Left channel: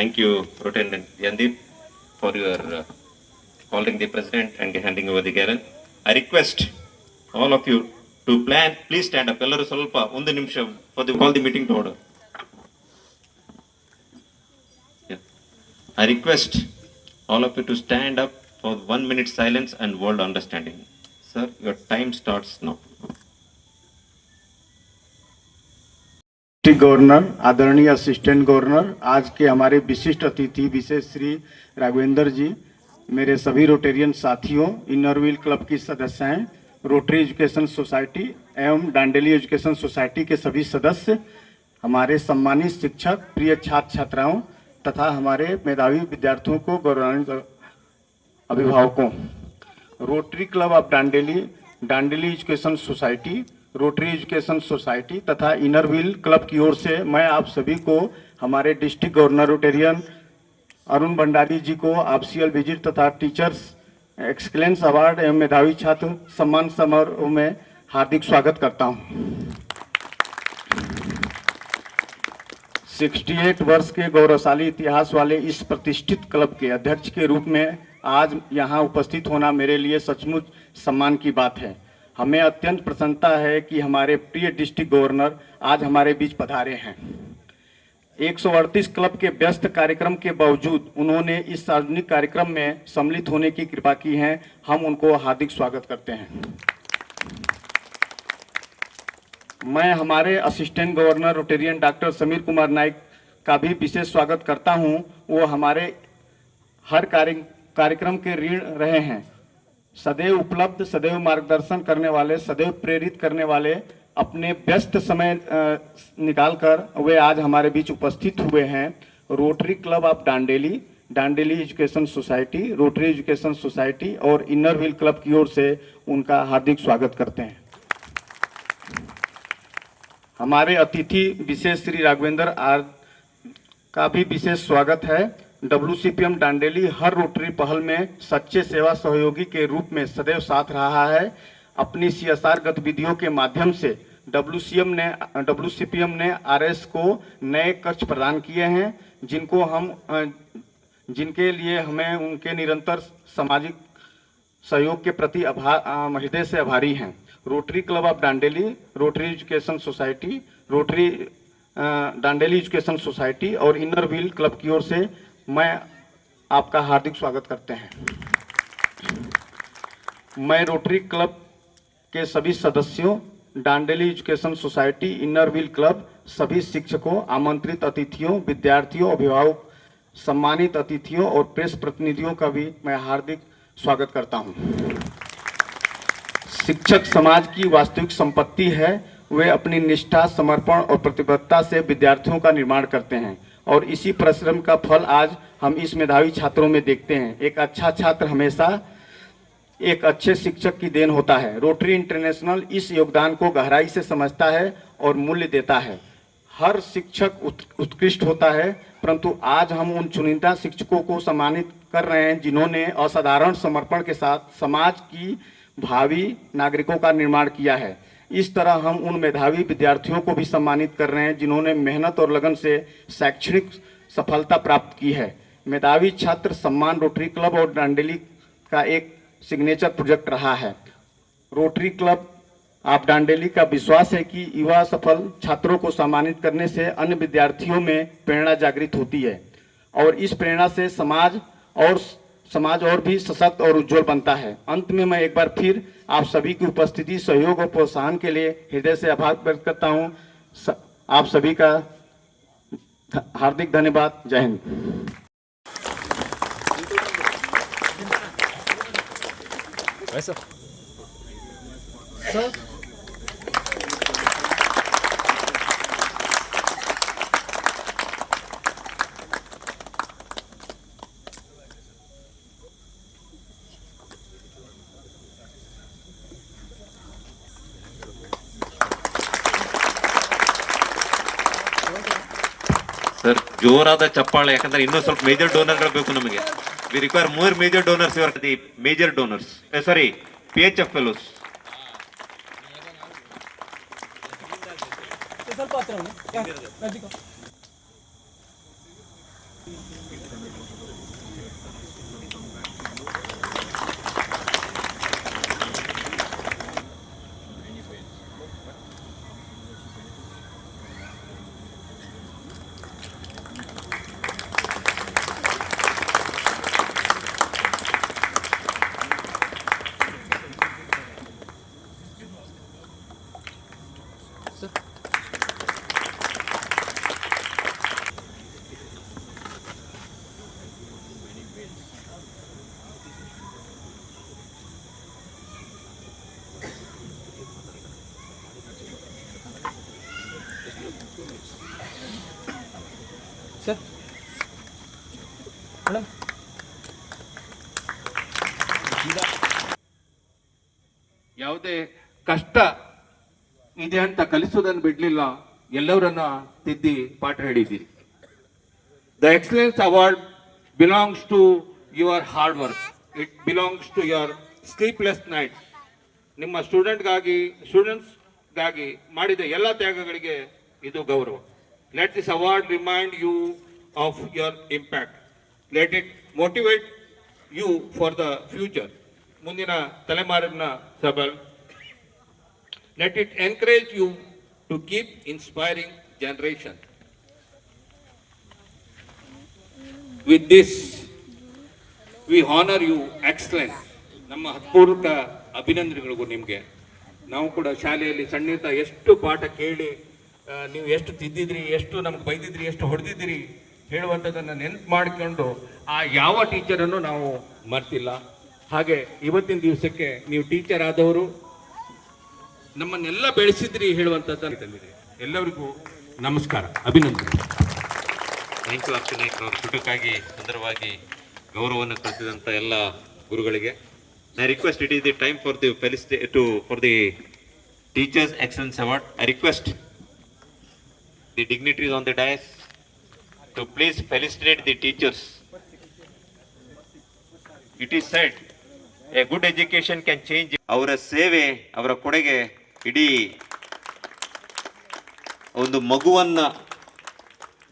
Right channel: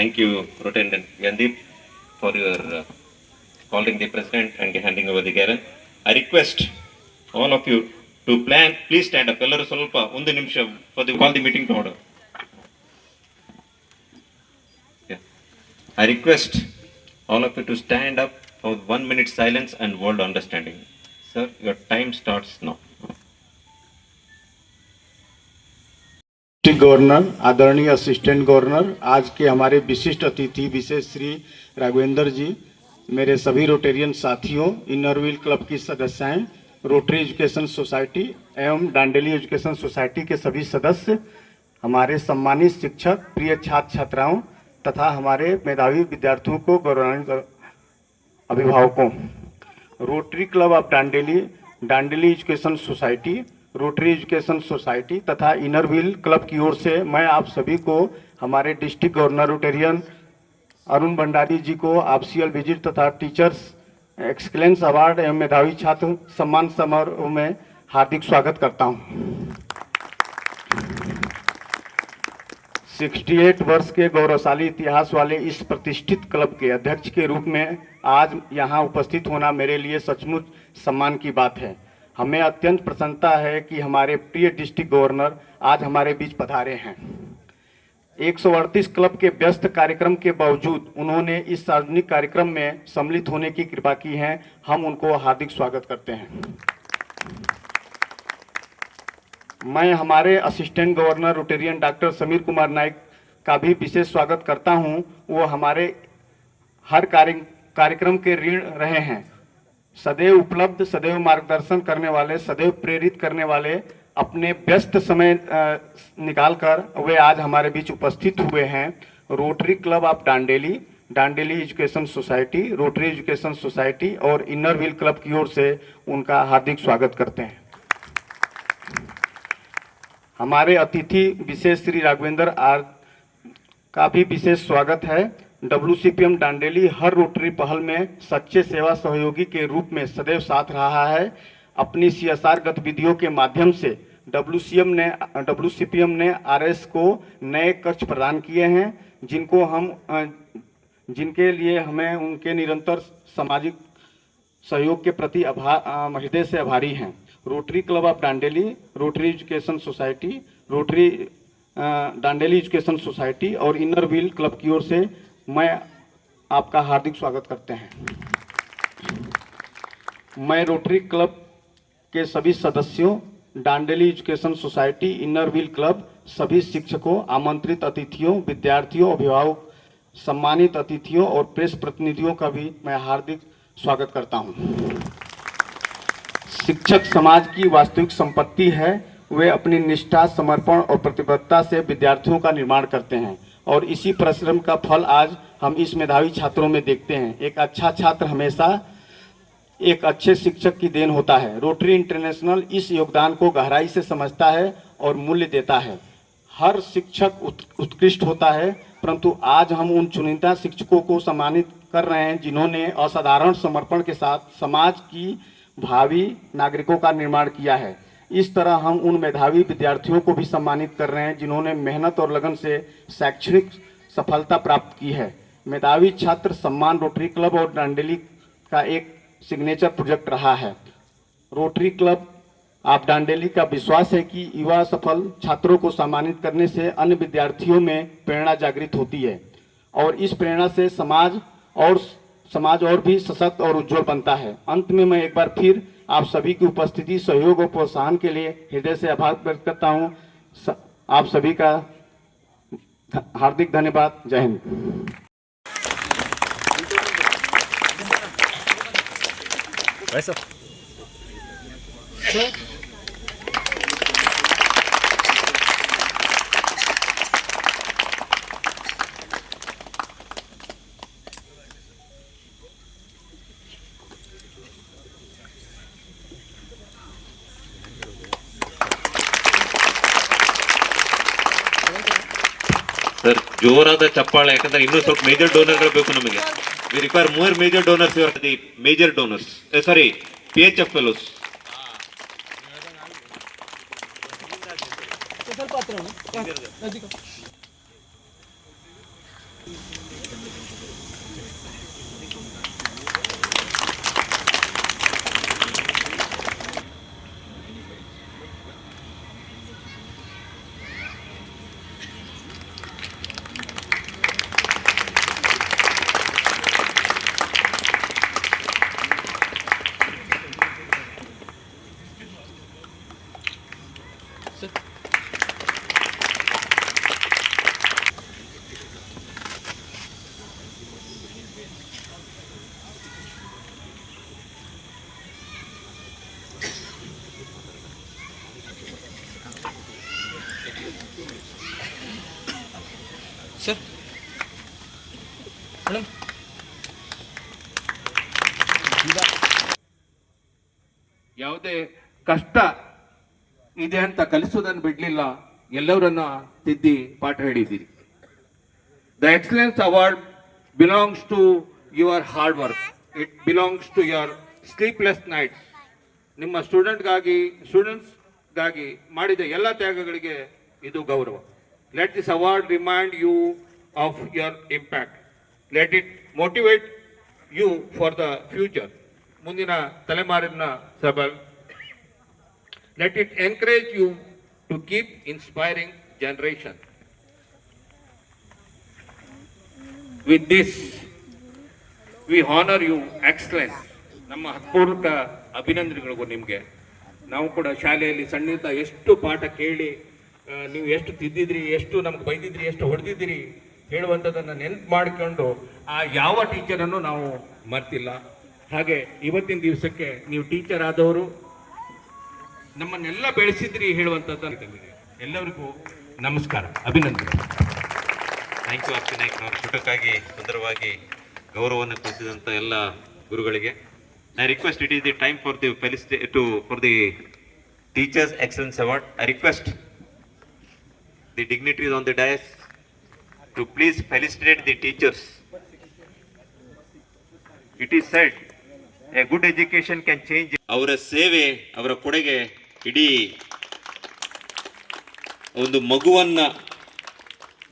Thank you, Lieutenant Yandeep, for your calling the president and handing over the garan. I request all of you to plan. Please stand up. Ellaru ಸ್ವಲ್ಪ ಒಂದು ನಿಮಿಷ for the call the meeting to order. Yeah. I request all of you to stand up for 1 minute silence and world understanding. Sir, your time starts now. District governor, आदरणीय assistant governor, आज के हमारे विशिष्ट अतिथि विशेष श्री राघवेंद्र जी, मेरे सभी Rotarian साथियों, Inner Wheel club की सदस्याएं, रोटरी एजुकेशन सोसाइटी एवं डांडेली एजुकेशन सोसाइटी के सभी सदस्य, हमारे सम्मानित शिक्षक, प्रिय छात्र छात्राओं तथा हमारे मेधावी विद्यार्थियों को गौरवान्वित अभिभावकों, Rotary club of Dandeli, Dandeli education society, Rotary education society तथा इनरव्हील क्लब की ओर से मैं आप सभी को हमारे district governor Rotarian Arun Bhandari ji को ऑफिशियल विजिट तथा टीचर्स एक्सीलेंस अवार्ड एवं मेधावी छात्र सम्मान समारोह में हार्दिक स्वागत करता हूं। 68 वर्ष के गौरवशाली इतिहास वाले इस प्रतिष्ठित क्लब के अध्यक्ष के रूप में आज यहां उपस्थित होना मेरे लिए सचमुच सम्मान की बात है। हमें अत्यंत प्रसन्नता है कि हमारे प्रिय डिस्ट्रिक्ट गवर्नर आज हमारे बीच पधारे हैं। 138 क्लब के व्यस्त कार्यक्रम के बावजूद उन्होंने इस सार्वजनिक कार्यक्रम में सम्मिलित होने की कृपा की है। हम उनको हार्दिक स्वागत करते हैं। मैं हमारे assistant governor Rotarian doctor Sameer Kumar Naik का भी विशेष स्वागत करता हूं। वो हमारे हर कार्यक्रम के ऋण रहे हैं। सदैव उपलब्ध, सदैव मार्गदर्शन करने वाले, सदैव प्रेरित करने वाले, अपने व्यस्त समय निकालकर वे आज हमारे बीच उपस्थित हुए हैं। Rotary club of Dandeli, Dandeli education society, Rotary education society और इनरव्हील क्लब की ओर से उनका हार्दिक स्वागत करते हैं। हमारे अतिथि विशेष श्री राघवेंद्र आर का भी विशेष स्वागत है। WCPM डांडेली हर रोटरी पहल में सच्चे सेवा सहयोगी के रूप में सदैव साथ रहा है। अपनी CSR गतिविधियों के माध्यम से WCPM ने RS को नए कक्ष प्रदान किए हैं, जिनके लिए हमें उनके निरंतर सामाजिक सहयोग के प्रति हृदय से आभारी हैं। Rotary club of Dandeli, rotary education society, rotary Dandeli education society और इनरव्हील क्लब की ओर से मैं आपका हार्दिक स्वागत करते हैं। मैं रोटरी क्लब के सभी सदस्यों, Dandeli education society, Inner Wheel club, सभी शिक्षकों, आमंत्रित अतिथियों, विद्यार्थियों, अभिभावक, सम्मानित अतिथियों और प्रेस प्रतिनिधियों का भी मैं हार्दिक स्वागत करता हूं। शिक्षक समाज की वास्तविक संपत्ति है। वे अपनी निष्ठा, समर्पण और प्रतिबद्धता से विद्यार्थियों का निर्माण करते हैं और इसी परिश्रम का फल आज हम इस मेधावी छात्रों में देखते हैं। एक अच्छा छात्र हमेशा एक अच्छे शिक्षक की देन होता है। रोटरी इंटरनेशनल इस योगदान को गहराई से समझता है और मूल्य देता है। हर शिक्षक उत्कृष्ट होता है, परंतु आज हम उन चुनिंदा शिक्षकों को सम्मानित कर रहे हैं जिन्होंने असाधारण समर्पण के साथ समाज की भावी नागरिकों का निर्माण किया है। इस तरह हम उन मेधावी विद्यार्थियों को भी सम्मानित कर रहे हैं जिन्होंने मेहनत और लगन से शैक्षणिक सफलता प्राप्त की है। मेधावी छात्र सम्मान रोटरी क्लब और डांडेली का एक सिग्नेचर प्रोजेक्ट रहा है। रोटरी क्लब ऑफ डांडेली का विश्वास है कि युवा सफल छात्रों को सम्मानित करने से अन्य विद्यार्थियों में प्रेरणा जागृत होती है और इस प्रेरणा से समाज और भी सशक्त और उज्जवल बनता है। अंत में मैं एक बार फिर आप सभी की उपस्थिति, सहयोग और प्रोत्साहन के लिए हृदय से आभार व्यक्त करता हूं। आप सभी का हार्दिक धन्यवाद। जय हिंद। ಸರ್, ಜೋರಾದ ಚಪ್ಪಾಳೆ, ಯಾಕಂದ್ರೆ ಇನ್ನೂ ಸ್ವಲ್ಪ ಮೇಜರ್ ಡೋನರ್ಗಳು ಬೇಕು ನಮಗೆ. We require more major donors. The major donors, sorry, PHF fellows. Sir madam ಯಾವುದೇ ಕಷ್ಟ ಇದೆ ಅಂತ ಕಲಿಸೋದನ್ನು ಬಿಡಲಿಲ್ಲ, ಎಲ್ಲವರನ್ನ ತಿದ್ದಿ ಪಾಠ ಹೇಳಿದ್ದೀರಿ. The excellence award belongs to your hard work, it belongs to your sleepless nights. ನಿಮ್ಮ ಸ್ಟೂಡೆಂಟ್ಸ್ಗಾಗಿ ಮಾಡಿದ ಎಲ್ಲ ತ್ಯಾಗಗಳಿಗೆ ಇದು ಗೌರವ. Let this award remind you of your impact. Let it motivate you for the future, ಮುಂದಿನ ತಲೆಮಾರಿನ ಸಬಲ್. Let it encourage you to keep inspiring generation. With this, we honor you, excellence. ನಮ್ಮ ಹೃತ್ಪೂರ್ವಕ ಅಭಿನಂದನೆಗಳಿಗೂ ನಿಮಗೆ. ನಾವು ಕೂಡ ಶಾಲೆಯಲ್ಲಿ ಸಣ್ಣಿತ ಎಷ್ಟು ಪಾಠ ಕೇಳಿ ನೀವು ಎಷ್ಟು ತಿದ್ದಿದ್ರಿ, ಎಷ್ಟು ನಮ್ಗೆ ಬೈದಿದ್ರಿ, ಎಷ್ಟು ಹೊಡೆದಿದ್ರಿ ಹೇಳುವಂಥದ್ದನ್ನು ನೆನಪು ಮಾಡಿಕೊಂಡು ಆ ಯಾವ ಟೀಚರನ್ನು ನಾವು ಮರ್ತಿಲ್ಲ. ಹಾಗೆ ಇವತ್ತಿನ ದಿವಸಕ್ಕೆ ನೀವು ಟೀಚರ್ ಆದವರು ನಮ್ಮನ್ನೆಲ್ಲ ಬೆಳೆಸಿದ್ರಿ ಹೇಳುವಂಥದ್ದು. ಎಲ್ಲರಿಗೂ ನಮಸ್ಕಾರ, ಅಭಿನಂದನೆ. ಥ್ಯಾಂಕ್ ಯು ಅರ್ಚನೆ ಅವರು ಚುಟುಕಾಗಿ ಸುಂದರವಾಗಿ ಗೌರವವನ್ನು ಕಲಿಸಿದಂಥ ಎಲ್ಲ ಗುರುಗಳಿಗೆ. I request, it is the time for the for the teachers excellence award. I request the dignitaries on the dais to please felicitate the teachers. It is said a good education can change. ಅವರ ಸೇವೆ, ಅವರ ಕೊಡುಗೆ ಇಡೀ ಒಂದು ಮಗುವನ್ನು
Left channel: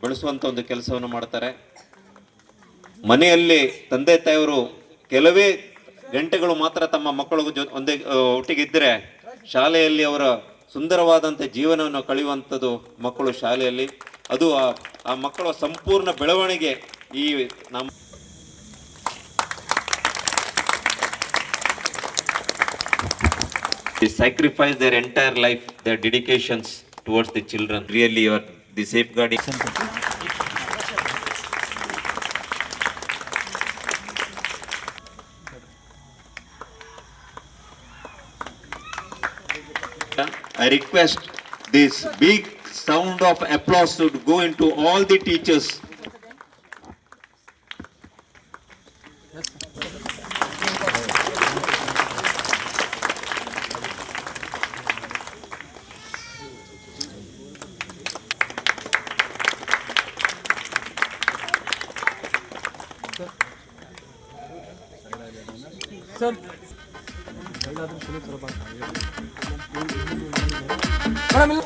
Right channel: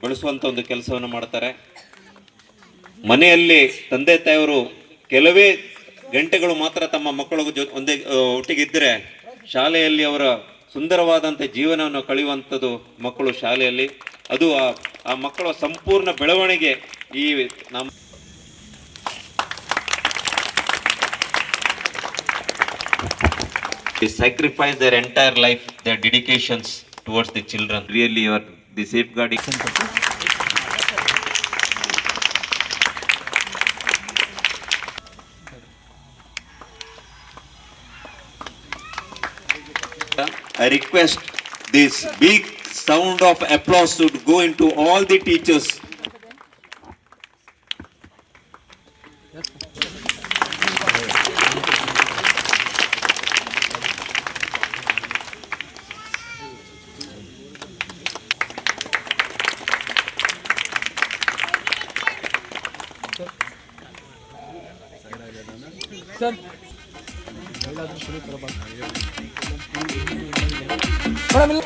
ಬೆಳೆಸುವಂಥ ಒಂದು ಕೆಲಸವನ್ನು ಮಾಡ್ತಾರೆ. ಮನೆಯಲ್ಲಿ ತಂದೆ ತಾಯಿಯವರು ಕೆಲವೇ ಗಂಟೆಗಳು ಮಾತ್ರ ತಮ್ಮ ಮಕ್ಕಳ ಒಂದೇ ಒಟ್ಟಿಗಿದ್ದರೆ ಶಾಲೆಯಲ್ಲಿ ಅವರ ಸುಂದರವಾದಂಥ ಜೀವನವನ್ನು ಕಳೆಯುವಂಥದ್ದು ಮಕ್ಕಳು ಶಾಲೆಯಲ್ಲಿ. ಅದು ಆ ಮಕ್ಕಳ ಸಂಪೂರ್ಣ ಬೆಳವಣಿಗೆ ಈ ನಮ್ಮ They sacrifice their entire life, their dedications towards the children. Really, you are the safeguarding. I request this big sound of applause should go into all the teachers. Sir madam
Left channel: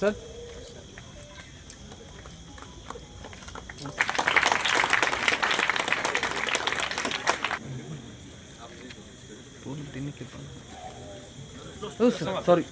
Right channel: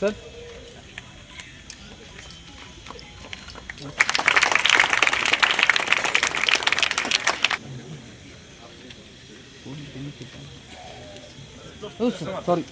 sir ಹೌದು sir, ಸಾರಿ.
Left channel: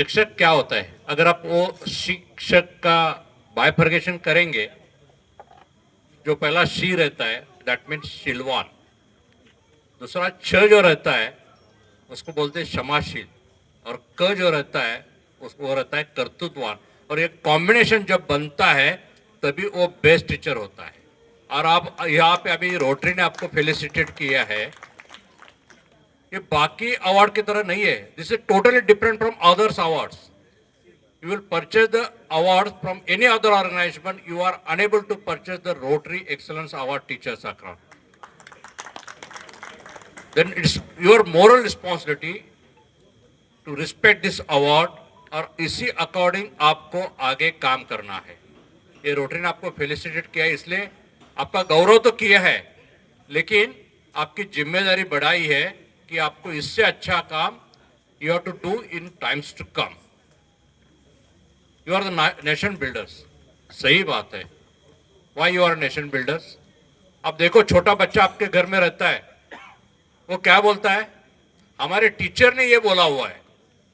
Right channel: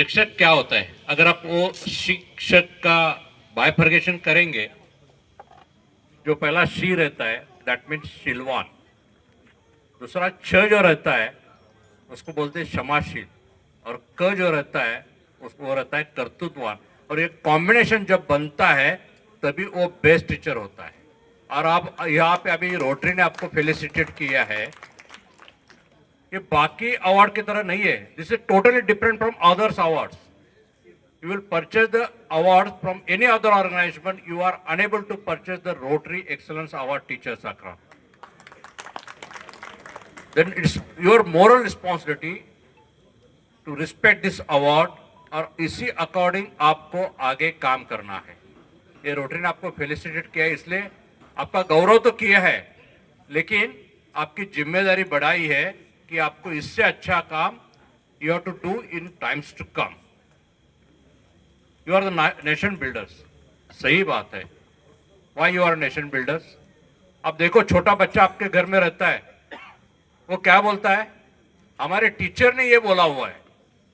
शिक्षक क्या होता है? अगर आप वो शिक्षक का बाइफर्गेशन करेंगे, जो पहला शी रहता है दैट मीन्स शीलवान, दूसरा छ जो रहता है उसको बोलते हैं क्षमाशील, और क जो रहता है उसको वो रहता है कर्तृत्ववान। और एक कॉम्बिनेशन जब बनता है तभी वो बेस्ट टीचर होता है। और आप यहाँ पे अभी रोटरी ने आपको फेलिसिटेट किया है, ये बाकी अवार्ड की तरह नहीं है। This is totally different from others awards. You will purchase the award from any other organization. You are unable to purchase the Rotary Excellence Award Teacher Sakra. Then it's your moral responsibility to respect this award और इसी according आपको आगे काम करना है। ये rotary ने आपको फेलिसिटेट किया है, इसलिए आपका गौरव तो किया है, लेकिन आपकी जिम्मेदारी बढ़ाई है कि आपको इससे अच्छा काम you have to do in times to come. You are the nation builders. सही बात है। Why you are nation builders? अब देखो, छोटा बच्चा आपके घर में रहता है, वो क्या बोलता है? हमारे टीचर ने ये बोला हुआ है।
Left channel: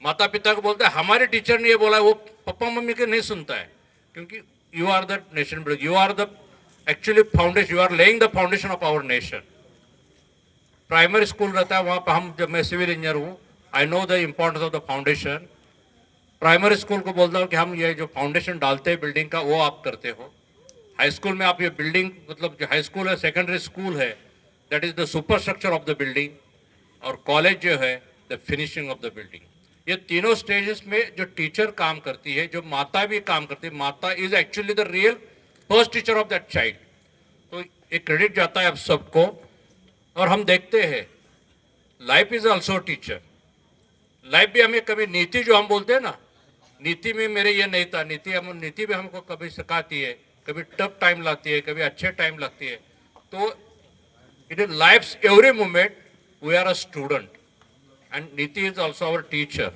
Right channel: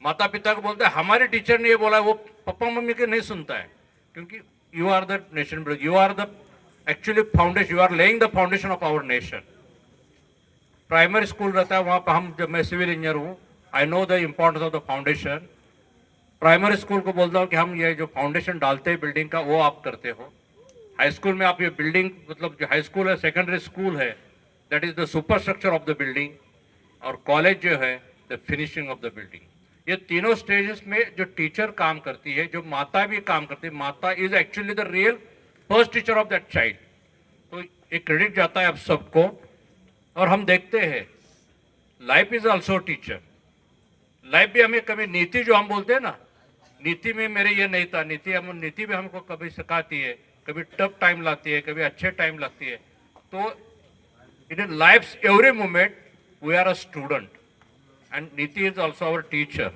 माता पिता को बोलता है हमारे टीचर ने ये बोला है, वो पापा मम्मी के नहीं सुनता है, क्योंकि you are the nation builder. You are the actually foundation, you are laying the foundation of our nation. Primary school रहता है, वहाँ पर हम, जब मैं सिविल इंजीनियर हूँ, I know the importance of the foundation. Primary school को बोलता हूँ कि हम ये जो फाउंडेशन डालते हैं बिल्डिंग का, वो आप करते हो। हाई स्कूल में आप ये बिल्डिंग, मतलब जो हाई स्कूल है, सेकेंडरी स्कूल है, that is the super structure of the building, और कॉलेज जो है the finishing of the building. ये तीनों स्टेजेस में जो टीचर काम करती है, जो माता भी काम करती है, माता is actually the real first teacher of that child. तो एक क्रेडिट जाता है अब सबको। और हम देखते हैं life is also teacher. Life भी हमें कभी, नीति जो हम बोलते हैं ना, नीति में मेरे ये नहीं था, नीति भी हमको कभी सिखाती है, कभी टफ टाइम लाती है, कभी अच्छे टाइम लगती है। तो it is life's every moment we are a student and Niti is also our teacher.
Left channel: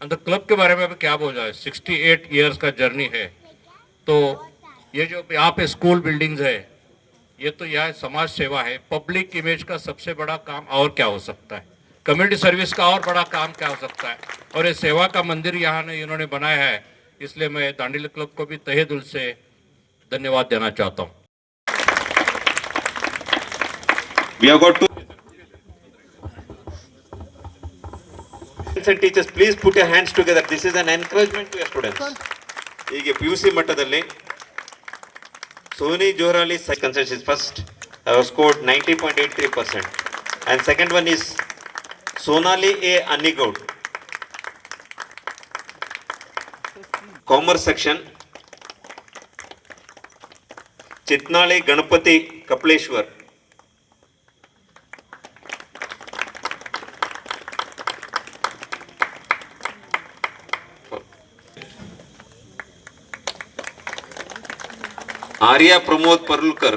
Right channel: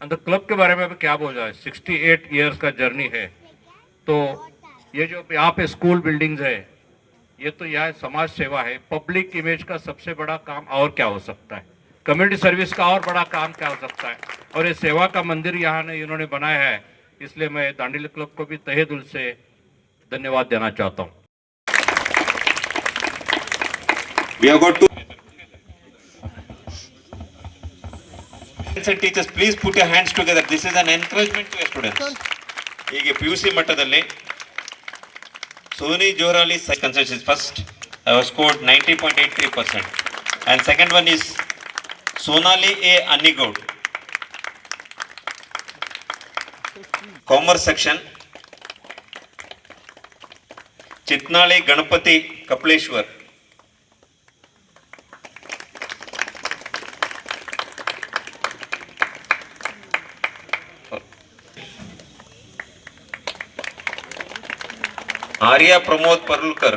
And the club के बारे में भी क्या बोल रहा है, 68 ईयर्स का जर्नी है। तो ये जो यहाँ पे स्कूल बिल्डिंग्स है, ये तो यह समाज सेवा है। पब्लिक इमेज का सबसे बड़ा काम और क्या हो सकता है? कम्युनिटी सर्विस का और बड़ा काम क्या हो सकता है? और ये सेवा का मंदिर यहाँ ने इन्होंने बनाया है, इसलिए मैं दांडेली क्लब को भी तहे दिल से धन्यवाद देना चाहता हूँ। We have got to and teachers, please put your hands together. This is an encouragement to your students. ಹೀಗೆ PUC ಮಟ್ಟದಲ್ಲಿ Soni Johari consensus first. I have scored 90.83%, and second one is Sonali A Anigod, Commerce section, Chitnali Ganapati Kapleshwar, Arya Pramod Parulkar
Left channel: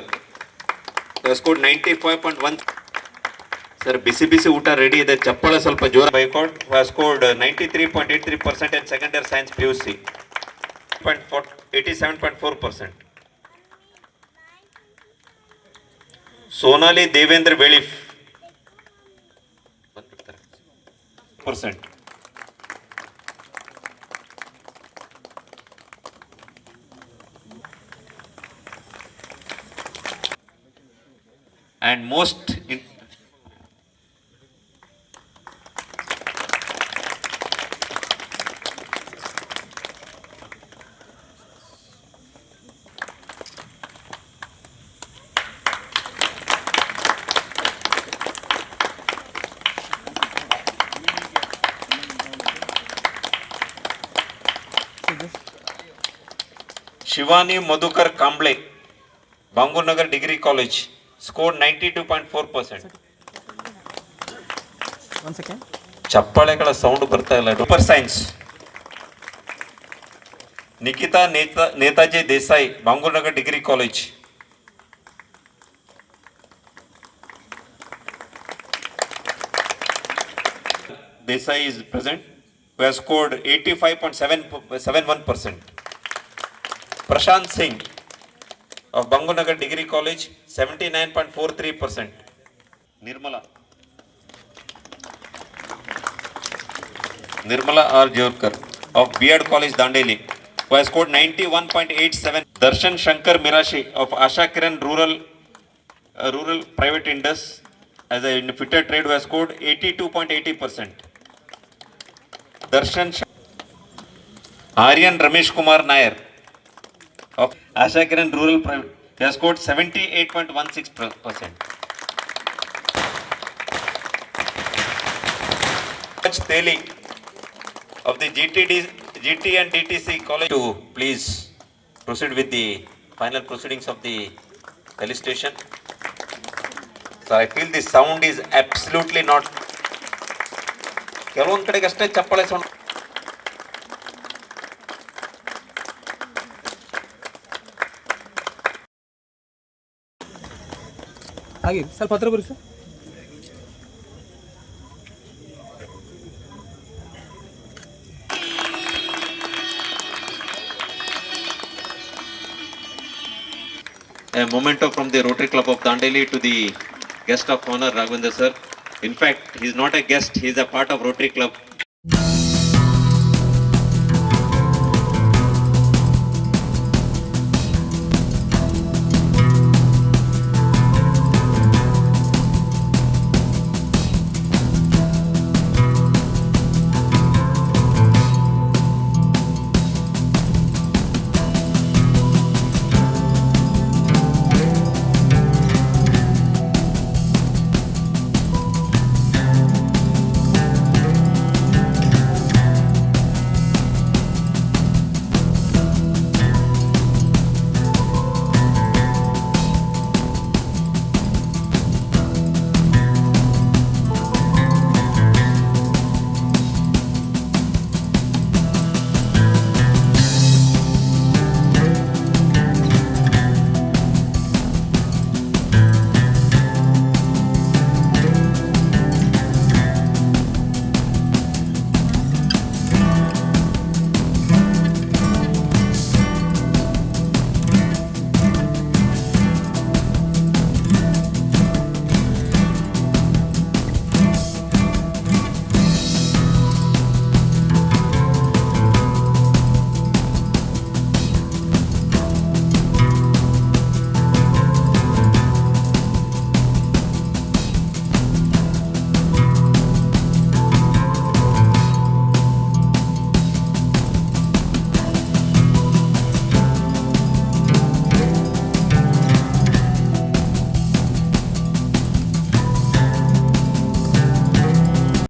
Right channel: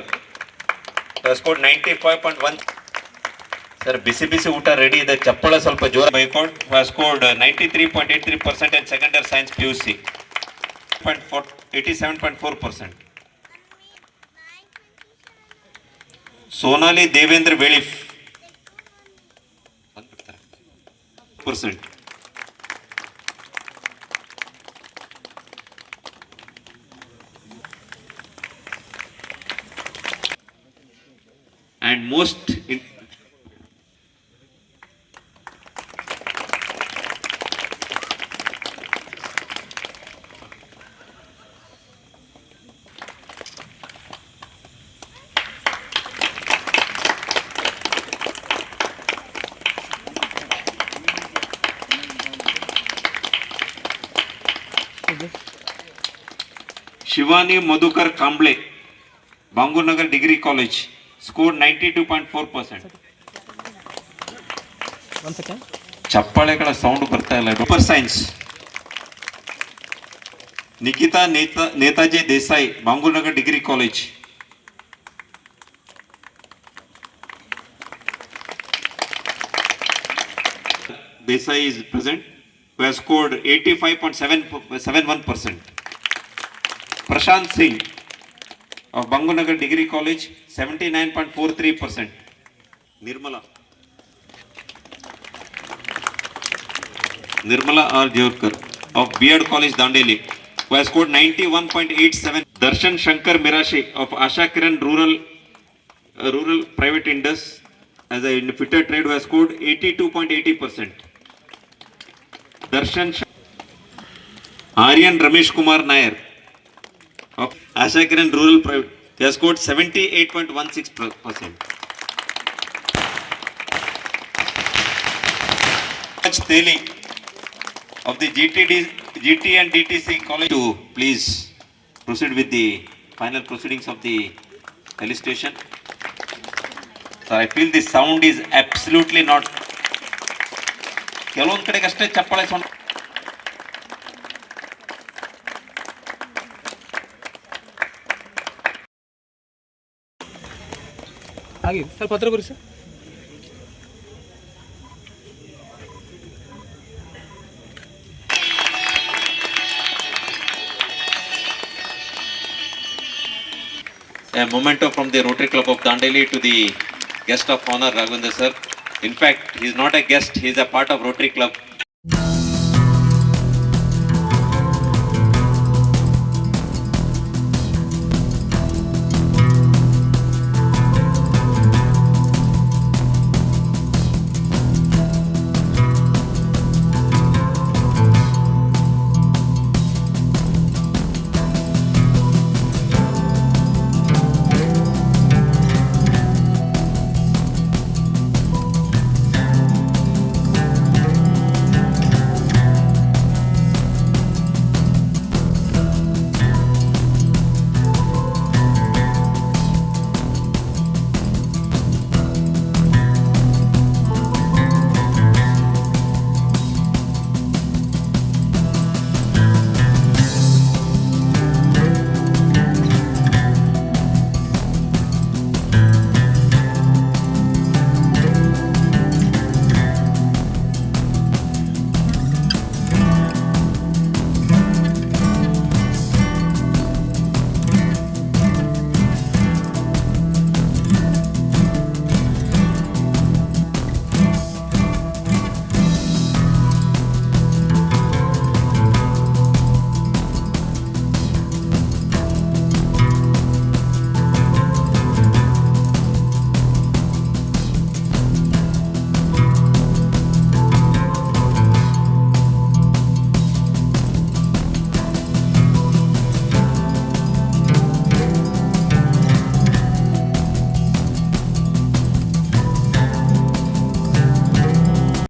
has scored 95.1. Sir, ಬಿಸಿ ಬಿಸಿ ಊಟ ready ಇದೆ, ಚಪ್ಪಳ ಸ್ವಲ್ಪ ಜೋರ. Boycott has scored 93.83% in second year science PUC, 87.4%. Sonali Devendra Velif %. And most Shivani Madhukar Kamble, Bangur Nagar Degree College, scored 92.4%. One second. ಚಪ್ಪಾಳೆಗಳ sound ಬರ್ತಾ ಇಲ್ಲ. Super science Nikhita Netaji Desai, Bangurnagar degree college. Desai is present, who has scored 85.71%. Prashant Singh of Bangunagar Degree College, 79.43%. Nirmala R. Jorkar. of B.Ed College Dandeli, who has scored 91.87. Darshan Shankar Mirashi of Asha Kiran Rural Private Indus as a fitter trade, who has scored 82.80%. Aryan Ramesh Kumar Nair of Asha Kiran Rural Private, he has scored 78.16%. Teli of the GT and DTC College to please proceed with the final proceedings of the felicitation. So I feel the sound is absolutely not. ಕೆಲವೊಂದು ಕಡೆಗೆ ಅಷ್ಟೇ ಚಪ್ಪಾಳೆ sound. ಹಾಗೆ ಸ್ವಲ್ಪ ಹತ್ರ ಬರಿ sir. A memento from the Rotary Club of Dandeli to the guest of honor Raghavendra sir. In fact, he is not a guest; he is a part of Rotary Club.